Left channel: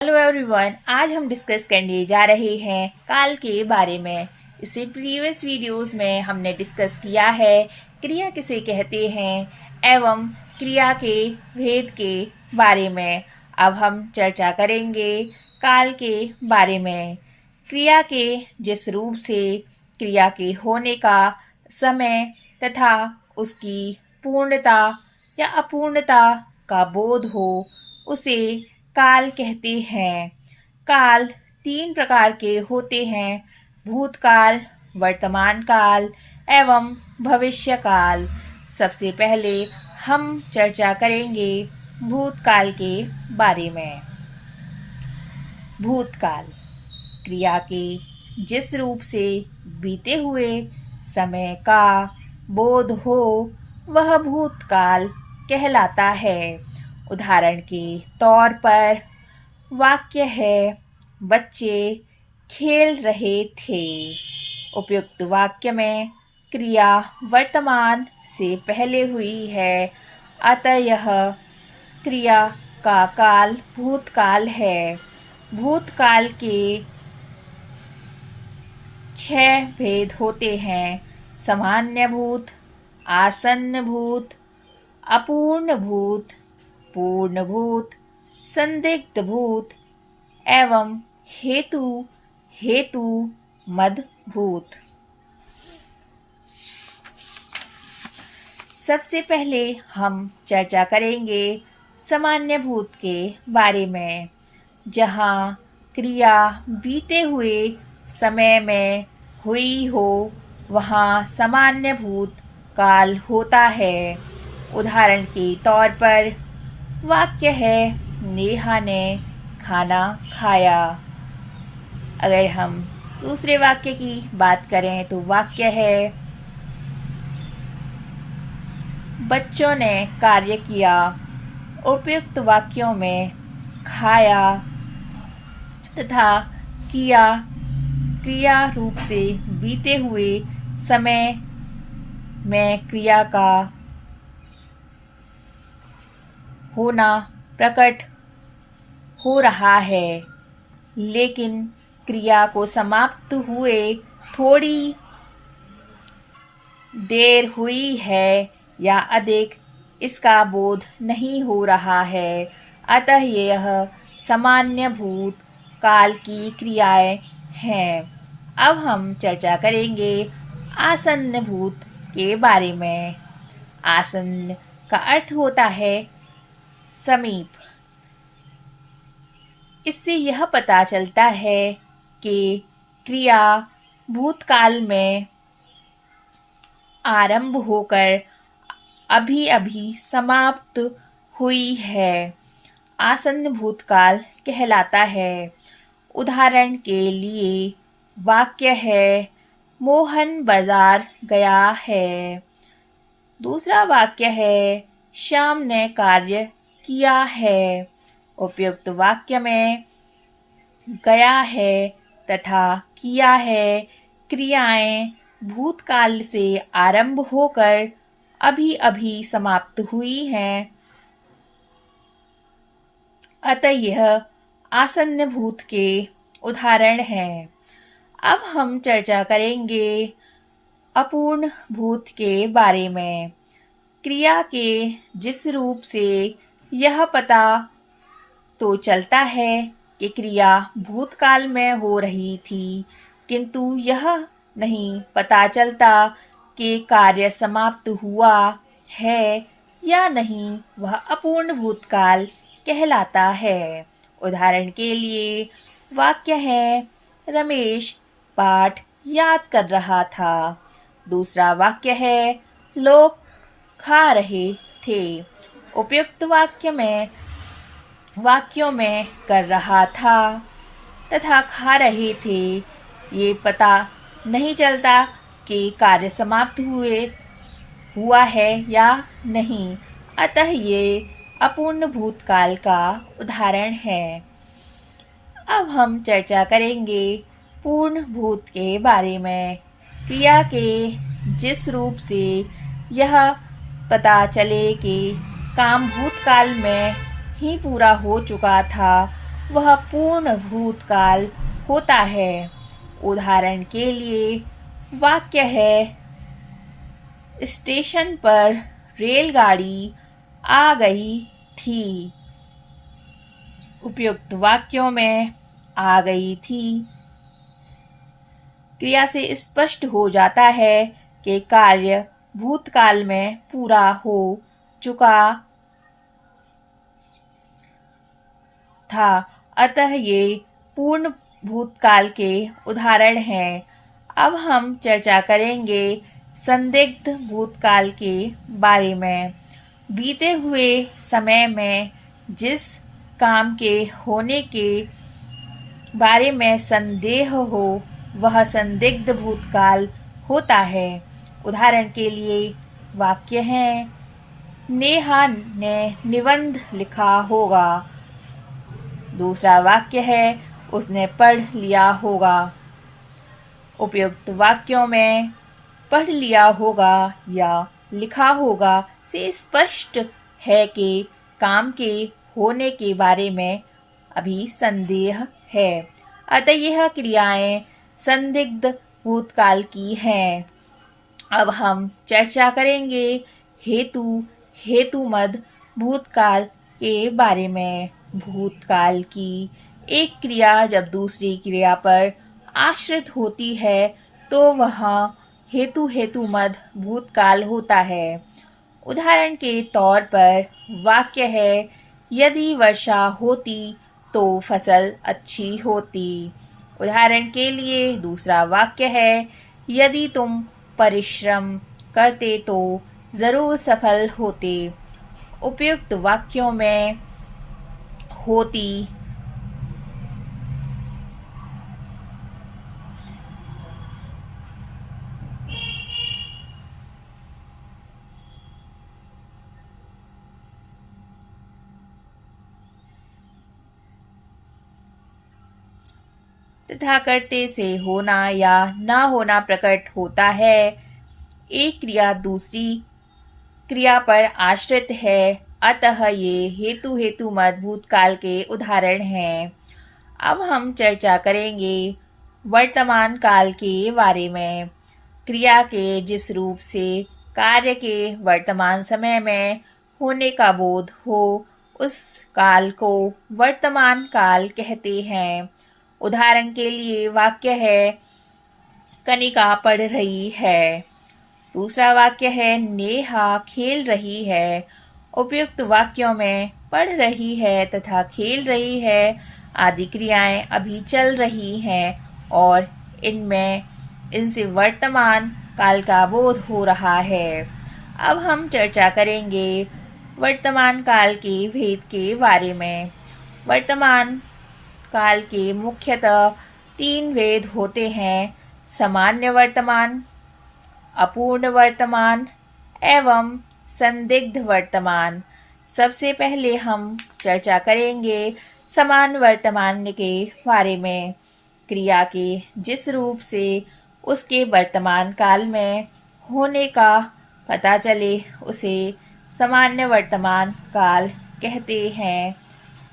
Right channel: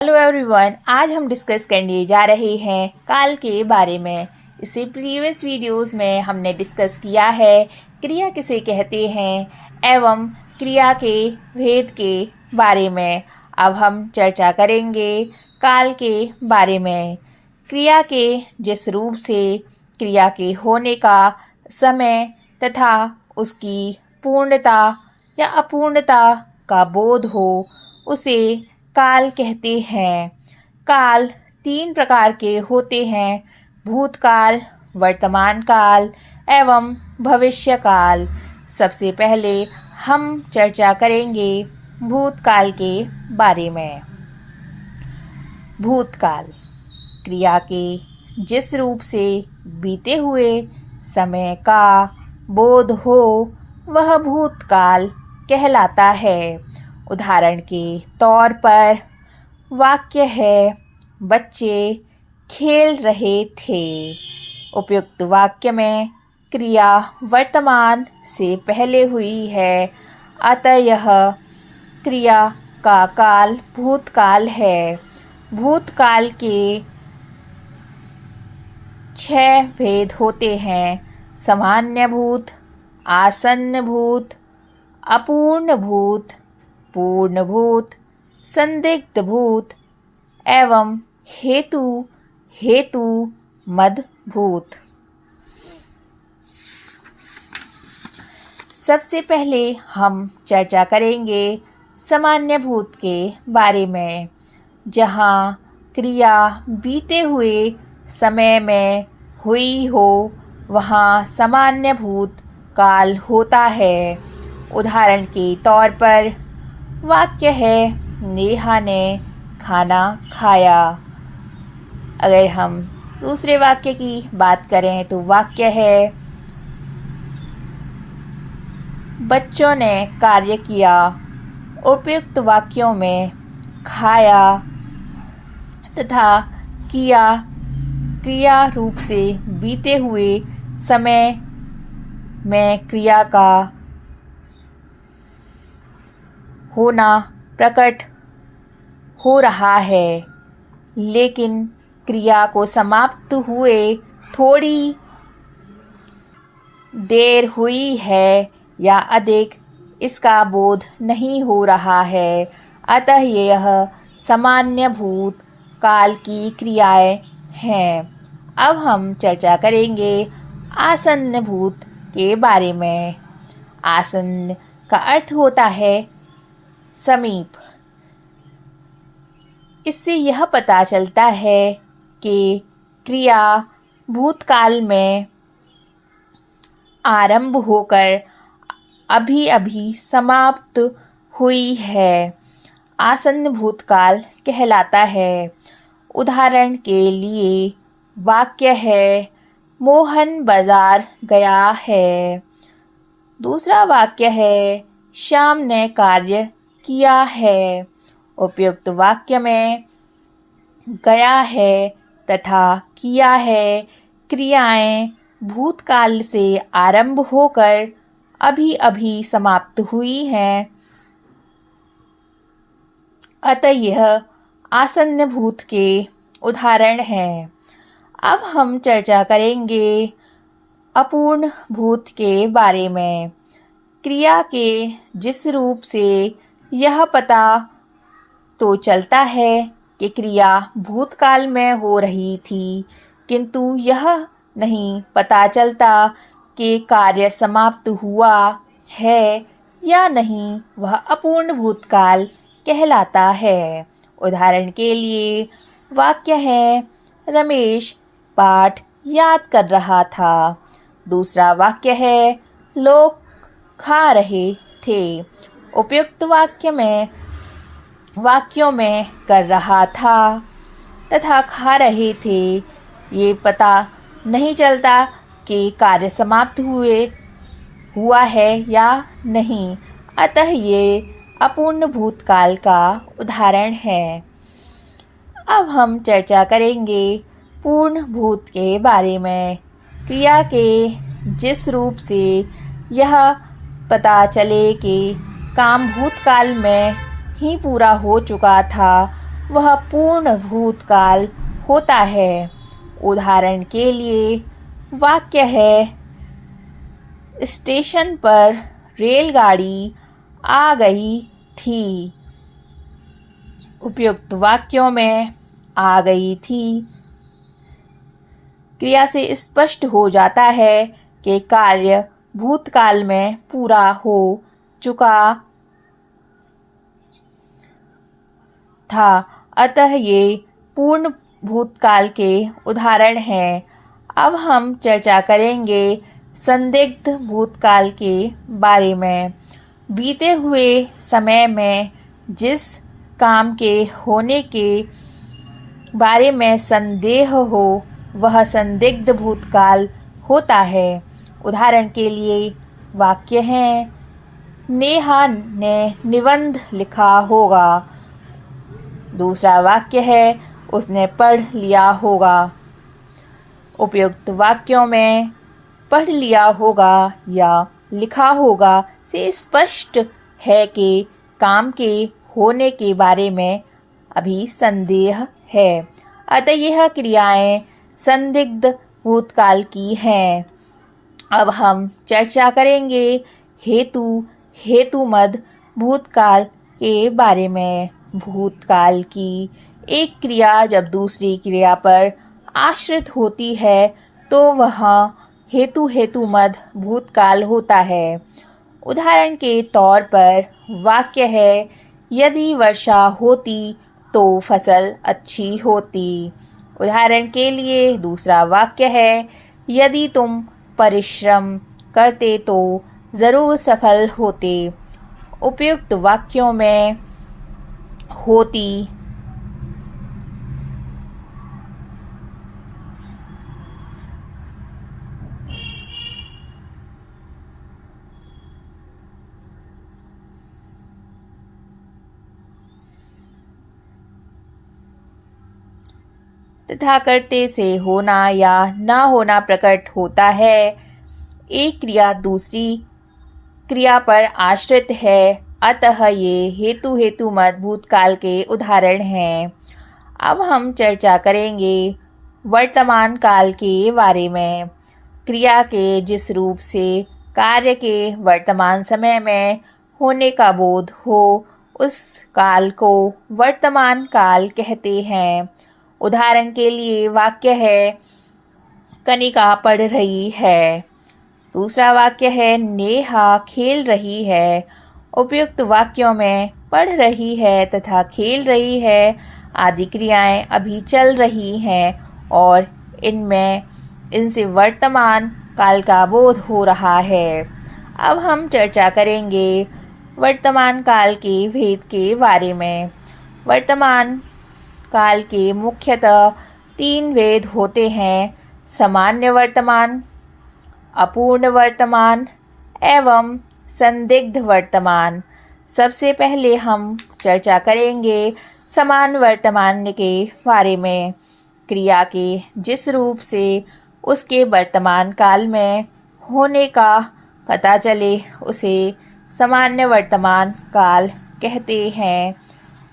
Hello everyone, आज हम discuss करने जा रहे हैं काल के बारे में। इससे प्रीवियस वीडियोस में हमने डिस्कस किया है क्रिया किसे कहते हैं एवं क्रिया के भेद के बारे में। अब हम चर्चा करेंगे काल के बारे में। क्रिया के जिस रूप से क्रिया के होने का समय तथा उसकी पूर्णता या अपूर्णता का बोध हो उसे काल कहते हैं। काल 3 प्रकार के होते हैं: भूतकाल, वर्तमान काल एवं भविष्य काल। सबसे पहले हम चर्चा करेंगे भूतकाल के बारे में। भूतकाल क्रिया के जिस रूप से बीते हुए समय का बोध हो वह भूतकाल कहलाता है। उदाहरण के तौर पर वाक्य है, बच्चे खेल रहे थे। उपयुक्त वाक्य में क्रिया वर्तमान से पहले हुई है, अतः यह क्रिया का काल भूतकाल है। भूतकाल के 6 भेद होते हैं: सामान्य भूत, आसन्न भूत, अपूर्ण भूत, पूर्ण भूत, संदिग्ध भूत एवं हेतु मद भूत। सबसे पहले हम चर्चा करेंगे सामान्य भूत के बारे में। जहाँ क्रिया बीते हुए समय में हुई हो वहाँ सामान्य भूत काल होता है। उदाहरण के तौर पर वाक्य है, नेहा ने खाना खाया। अगर हम दूसरे वाक्य की बात करें तो वाक्य है, बच्चों ने कार्य किया। उपयुक्त वाक्यों में खाया तथा किया क्रिया रूप से बीते हुए समय में क्रिया का होना प्रकट हो रहा है, लेकिन क्रिया को समाप्त हुए थोड़ी देर हुई है या अधिक इसका बोध नहीं हो रहा है, अतः यह सामान्य भूत काल की क्रियाएं हैं। अब हम चर्चा करेंगे आसन्न भूत के बारे में। आसन्न का अर्थ होता है समीप। इससे यह पता चलता है कि क्रिया भूतकाल में आरंभ होकर अभी अभी समाप्त हुई है, आसन्न भूतकाल कहलाता है। उदाहरण के लिए वाक्य है, मोहन बाजार गया है। दूसरा वाक्य है, श्याम ने कार्य किया है। उपयुक्त वाक्य में गया है तथा किया है क्रियाएं भूतकाल से आरंभ होकर अभी अभी समाप्त हुई हैं, अतः यह आसन्न भूत के उदाहरण हैं। अब हम चर्चा करेंगे अपूर्ण भूत के बारे में। क्रिया के जिस रूप से यह पता तो चलता है कि क्रिया भूतकाल में हो रही थी, किंतु यह नहीं पता चलता कि कार्य समाप्त हुआ है या नहीं, वह अपूर्ण भूतकाल कहलाता है। उदाहरण के लिए वाक्य है, रमेश पाठ याद कर रहा था। दूसरा वाक्य है, लोग खा रहे थे। उपयुक्त वाक्यों में कर रहा था तथा खा रहे थे ये पता नहीं चलता कि कार्य समाप्त हुआ है या नहीं, अतः ये अपूर्ण भूतकाल का उदाहरण है। अब हम चर्चा करेंगे पूर्ण भूत के बारे में। क्रिया के जिस रूप से यह पता चले कि काम भूतकाल में ही पूरा हो चुका था, वह पूर्ण भूतकाल होता है। उदाहरण के लिए वाक्य है, स्टेशन पर रेलगाड़ी आ गई थी। उपयुक्त वाक्यों में आ गई थी क्रिया से स्पष्ट हो जाता है कि कार्य भूतकाल में पूरा हो चुका था, अतः ये पूर्ण भूतकाल के उदाहरण हैं। अब हम चर्चा करेंगे संदिग्ध भूतकाल के बारे में। बीते हुए समय में जिस काम के होने के बारे में संदेह हो वह संदिग्ध भूतकाल होता है। उदाहरण के लिए वाक्य हैं, नेहा ने निबंध लिखा होगा। दूसरा वाक्य है, उसने पढ़ लिया होगा। उपयुक्त वाक्यों में पढ़ लिया होगा या लिखा होगा से स्पष्ट है कि काम के होने के बारे में अभी संदेह है, अतः यह क्रियाएं संदिग्ध भूतकाल की हैं। अब हम चर्चा करेंगे हेतुमद भूतकाल के बारे में। भूतकाल की एक क्रिया जब दूसरी क्रिया पर आश्रित होती है तो वह हेतुमद भूतकाल होता है। उदाहरण के तौर पर वाक्य है, यदि वर्षा होती तो फसल अच्छी होती। उदाहरण के लिए दूसरा वाक्य है, यदि तुम परिश्रम करते तो ज़रूर सफल होते। उपयुक्त वाक्यों में होती तथा करते से होना या ना होना प्रकट होता है। एक क्रिया दूसरी क्रिया पर आश्रित है, अतः ये हेतुमद भूतकाल के उदाहरण हैं। अब हम चर्चा करेंगे वर्तमान काल के बारे में। क्रिया के जिस रूप से कार्य के वर्तमान समय में होने का बोध हो उस काल को वर्तमान काल कहते हैं। उदाहरण के लिए वाक्य है, कनिका पढ़ रही है। दूसरा वाक्य है, नेहा खेल रही है। उपयुक्त वाक्यों में पढ़ रही है तथा खेल रही है आदि क्रियाएं अभी चल रही हैं और इनसे वर्तमान काल का बोध हो रहा है। अब हम चर्चा करेंगे वर्तमान काल के भेद के बारे में। वर्तमान काल के मुख्यतः 3 भेद होते हैं, सामान्य वर्तमान, अपूर्ण वर्तमान एवं संदिग्ध वर्तमान। सबसे पहले हम चर्चा करेंगे समान वर्तमान के बारे में। क्रिया के जिस रूप से उसके वर्तमान काल में होने का पता चले उसे सामान्य वर्तमान काल कहते हैं।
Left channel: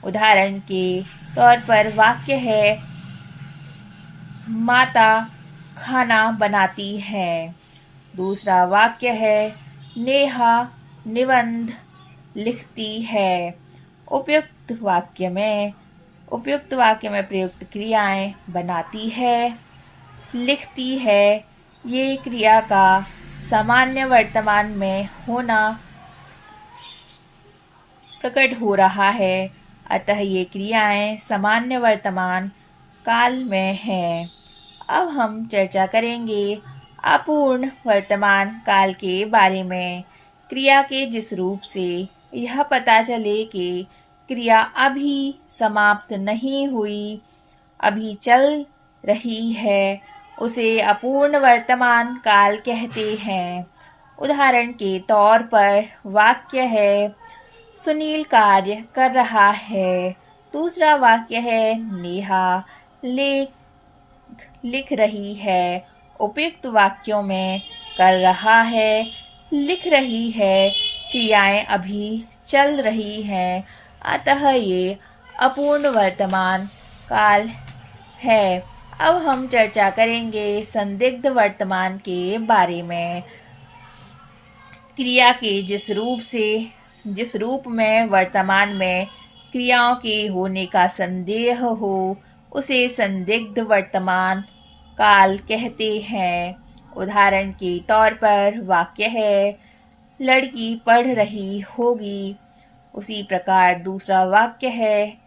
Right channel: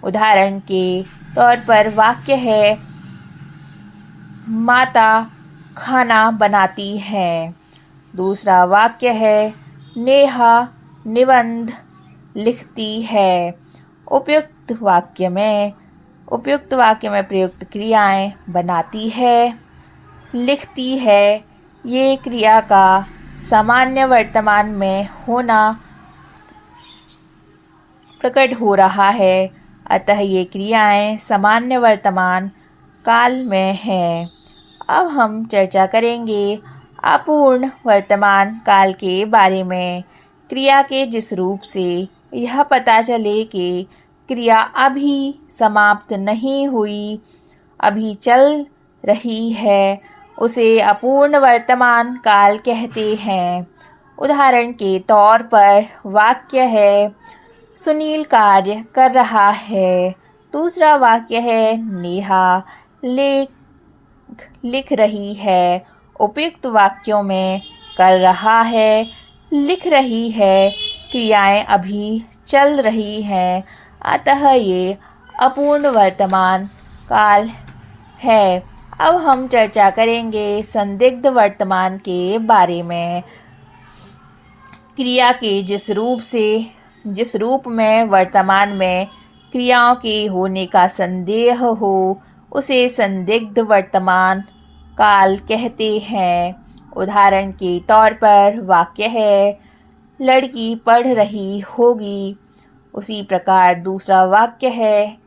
उदाहरण के तौर पर वाक्य है, माता खाना बनाती है। दूसरा वाक्य है, नेहा निबंध लिखती है। उपयुक्त वाक्य में प्रयुक्त क्रियाएं बनाती है, लिखती है, ये क्रिया का सामान्य वर्तमान में होना प्रकट हो रहा है, अतः ये क्रियाएं सामान्य वर्तमान काल में हैं। अब हम चर्चा करेंगे अपूर्ण वर्तमान काल के बारे में। क्रिया के जिस रूप से यह पता चले कि क्रिया अभी समाप्त नहीं हुई, अभी चल रही है, उसे अपूर्ण वर्तमान काल कहते हैं। उदाहरण के तौर पर वाक्य है, सुनील कार्य कर रहा है। दूसरा वाक्य है, नेहा लिख रही है। उपयुक्त वाक्यों में कर रहा है, लिख रही है क्रियाएं अभी चल रही हैं, अतः ये अपूर्ण वर्तमान काल है। अब हम चर्चा करेंगे संदिग्ध वर्तमान के बारे में। क्रिया के जिस रूप में वर्तमान में क्रियाओं के होने का संदेह हो उसे संदिग्ध वर्तमान काल कहते हैं। उदाहरण के तौर पर वाक्य है, लड़की पढ़ रही होगी। उसी प्रकार दूसरा वाक्य है,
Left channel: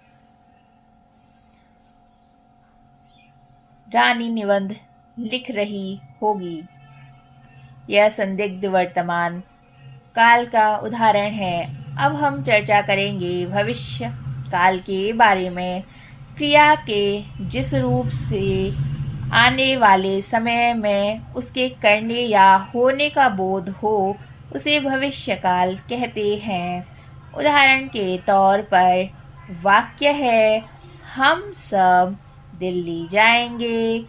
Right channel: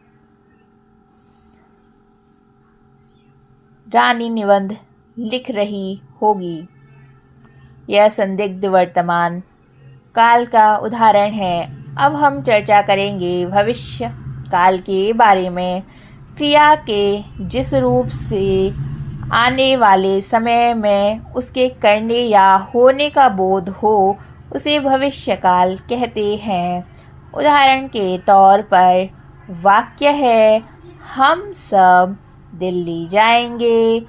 रानी निबंध लिख रही होगी। यह संदिग्ध वर्तमान काल का उदाहरण है। अब हम चर्चा करेंगे भविष्य काल के बारे में। क्रिया के जिस रूप से आने वाले समय में उसके करने या होने का बोध हो उसे भविष्य काल कहते हैं। उदाहरण के तौर पर वाक्य है, हम सब दिल्ली जाएंगे।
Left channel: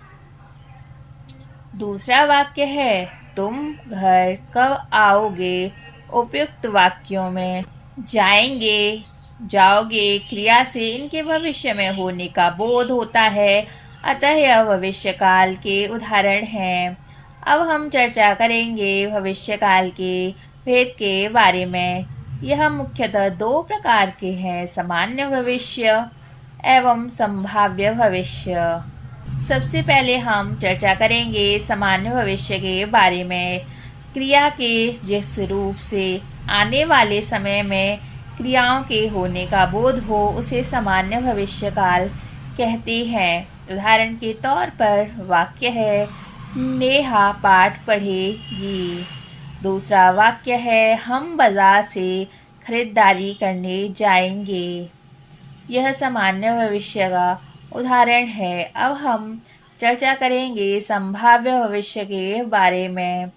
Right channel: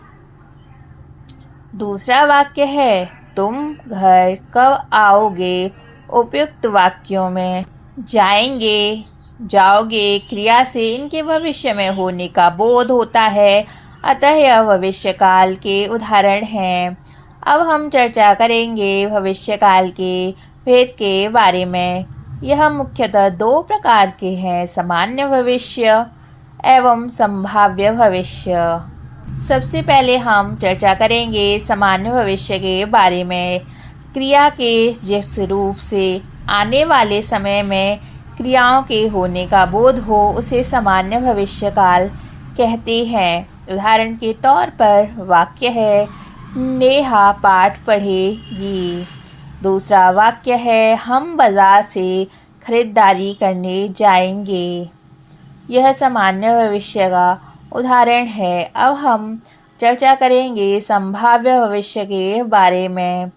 दूसरा वाक्य है, तुम घर कब आओगे। उपयुक्त वाक्यों में जाएंगे, जाओगे क्रिया से इनके भविष्य में होने का बोध होता है, अतः यह भविष्य काल के उदाहरण हैं। अब हम चर्चा करेंगे भविष्य काल के भेद के बारे में। यह मुख्यतः दो प्रकार के हैं, सामान्य भविष्य एवं संभाव्य भविष्य। सबसे पहले हम चर्चा करेंगे सामान्य भविष्य के बारे में। क्रिया के जिस रूप से आने वाले समय में क्रियाओं के होने का बोध हो उसे सामान्य भविष्य काल कहते हैं। उदाहरण के तौर पर वाक्य है, नेहा पाठ पढ़ेगी। दूसरा वाक्य है, हम बाजार से खरीदारी करने जाएंगे। यह सामान्य भविष्य का उदाहरण है। अब हम चर्चा करेंगे संभाव्य भविष्य के बारे में।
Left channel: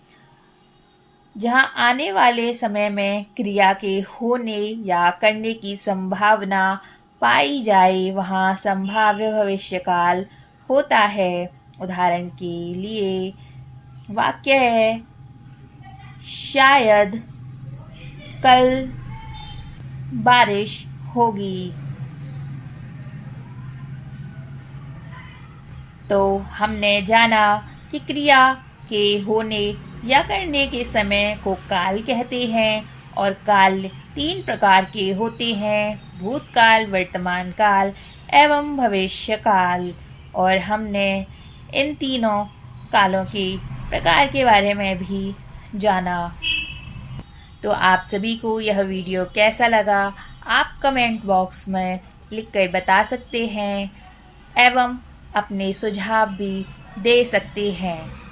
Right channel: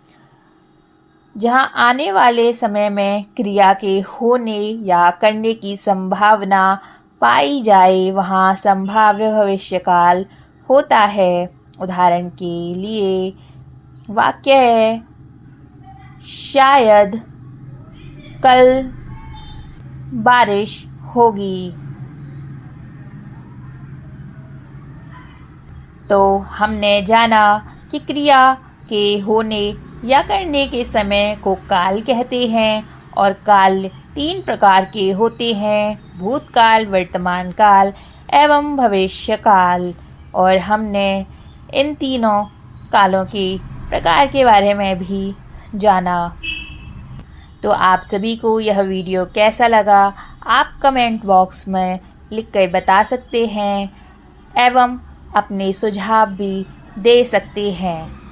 जहां आने वाले समय में क्रिया के होने या करने की संभावना पाई जाए वहां संभाव्य भविष्य काल होता है। उदाहरण के लिए वाक्य है, शायद कल बारिश होगी। तो हमने जाना कि क्रिया के होने या करने के समय को काल कहते हैं और काल तीन प्रकार के होते हैं, भूतकाल, वर्तमान काल एवं भविष्य काल। और हमने इन तीनों कालों के प्रकार के बारे में भी जाना। तो आप सभी को यह वीडियो कैसा लगा आप कमेंट बॉक्स में लिखकर बता सकते हैं एवं अपने सुझाव भी दे सकते हैं।